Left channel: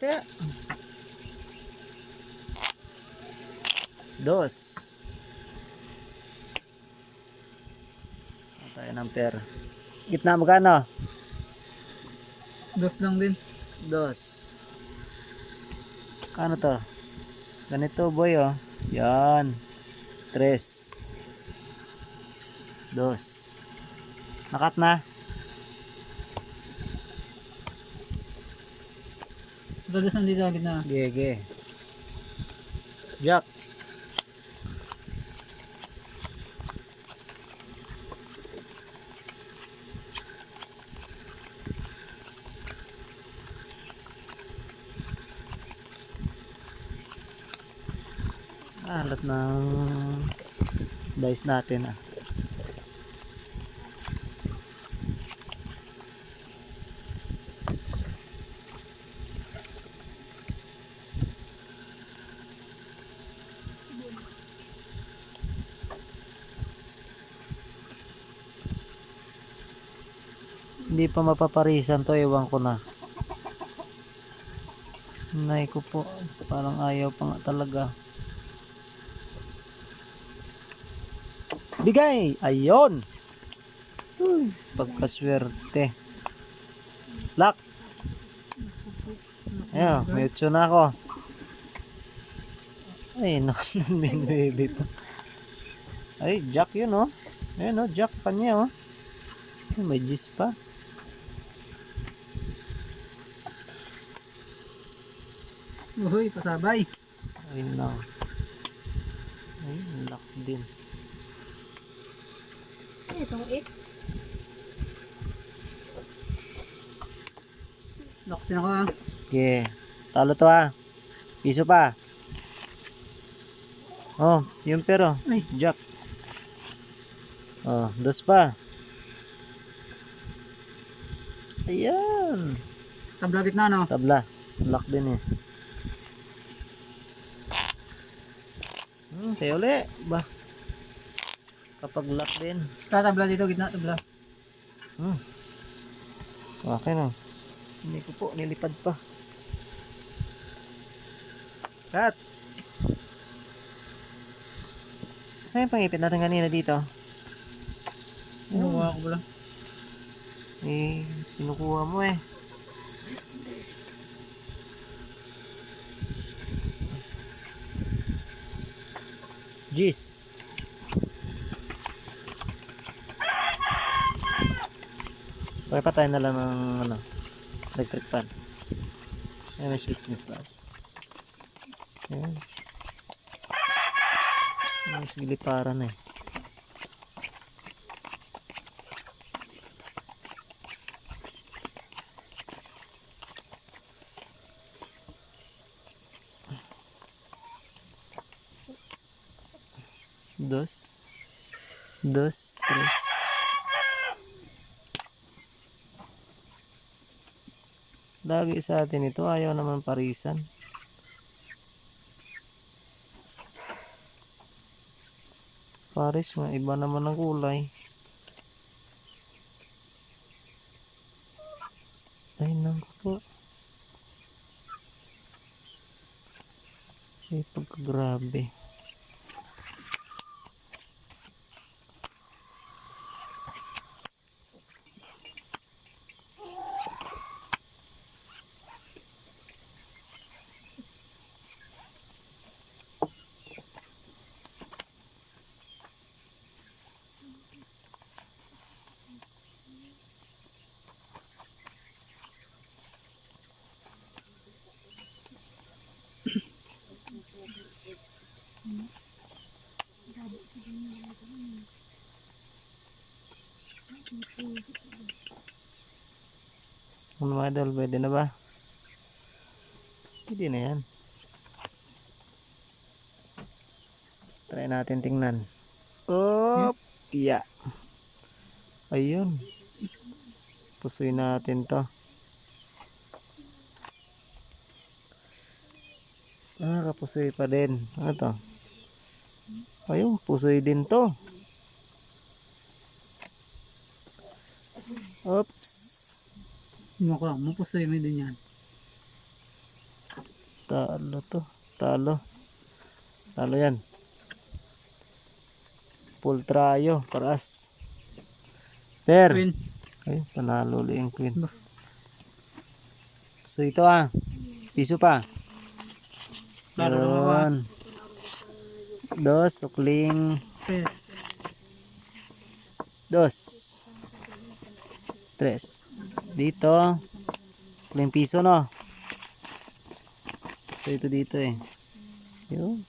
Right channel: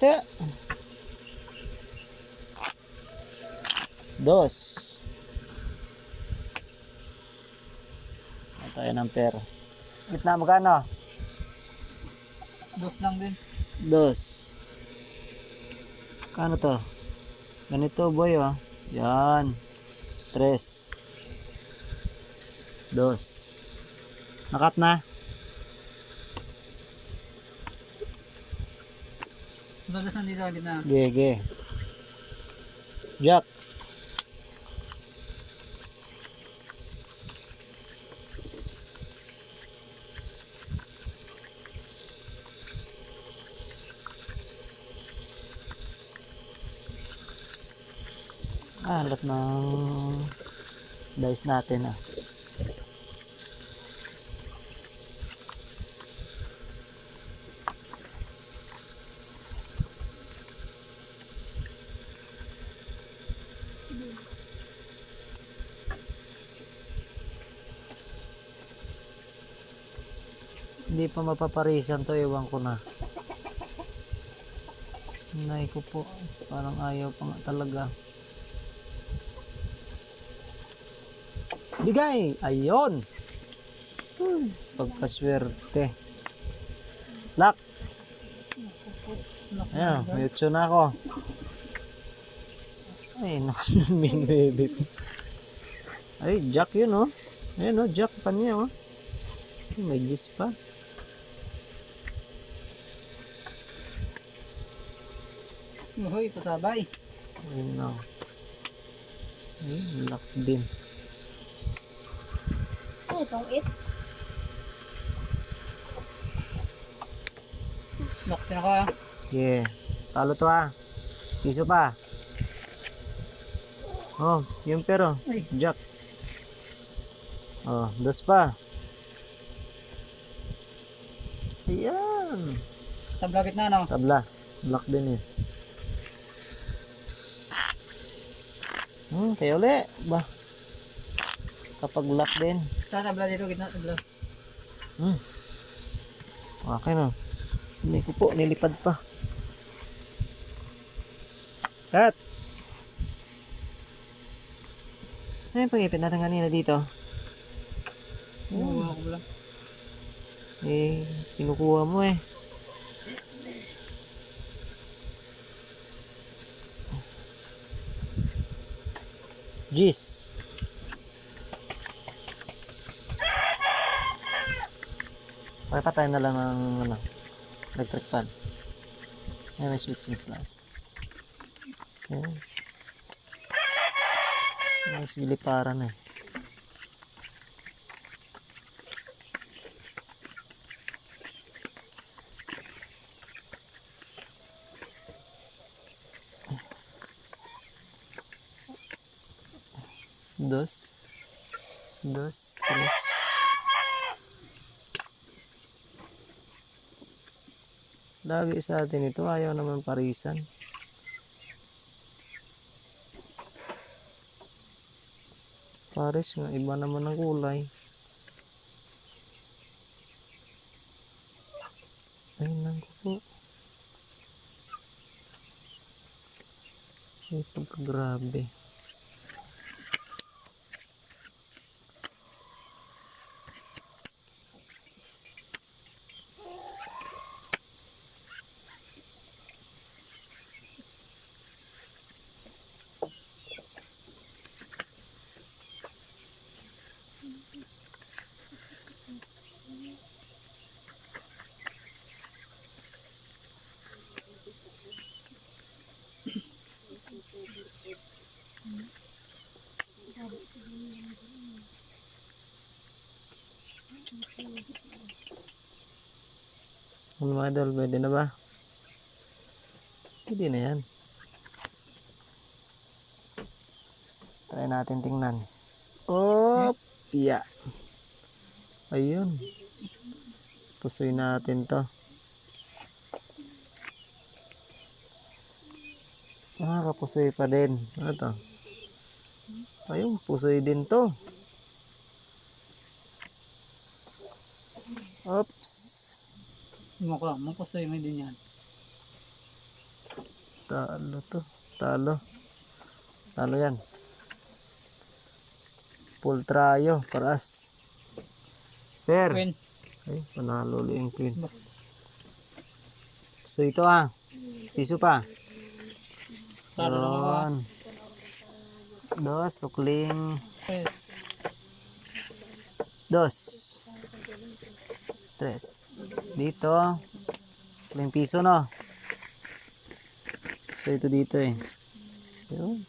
Te. Dos. Tayo ng pair. Gitna magkano? Dos lang din. Dos. Kano to? Ganito boy oh. Yan. Tres. Dos. Nakat na. Dos lang dito agad na. Gege. Jack. Alat ng dice natin ah. Hindi pa mapaparisan to, ewan ko na. Nay ko po, parang ayaw pa nga talaga. Bigay! Ayun! Pagkaswerte. Lock! Ayan, mute na ako. Ay, nakanun baby po. Ay, jack yun oh. Ayan oh, jack pa niya oh. Ay, may gis pa. Uy, pasabay. Ay, no. Ay, lock din. Ano itong it? Lock din ako ah. Yeah. Talo to ah. Piso pa. Oh, yung pero. Ay. Jack. Oh, dos pa. Ayan. Tabla gitna no. Tabla. Lock din eh. Kaya uli. Ba. Kapag lock din. Tabla dito gitna tabla. Okay na. Hindi ko po. Nilipad pa. Cut. Saan yung pangipit natin kanina dito? Kinuha ko pala. Eh, kinukuha mo eh. Jeez. Pakipatay na lang ng ano, electric fan. Ayan, may switch instans. Ayan. Ayan, sigiliparan eh. Dos. Dos, tres. Lagi sa atin ito, ayaw naman parisan. Paris nga, iba naman ang kulay. Ay, naku po. Ay, pagkagrabe. Ano mga idol, pwede na ba? Hindi na yan. Try natin tingnan. Oh, piya. Ayun. Pusoy natin to. Kapusoy pa din. Ano to? Ayun, pusoy din to. Oops. Mukha, mapusoy mo din yan. Talo to. Talo. Talo yan. Full trayo. Paras. Per. Queen. Ay, panalo ulit yung queen. Ba. So ito piso pa. Talo naman ako ah. 1, 2, sukling Yes. 2, 3. Dito, sukling piso no. So ito dito eh. Yun.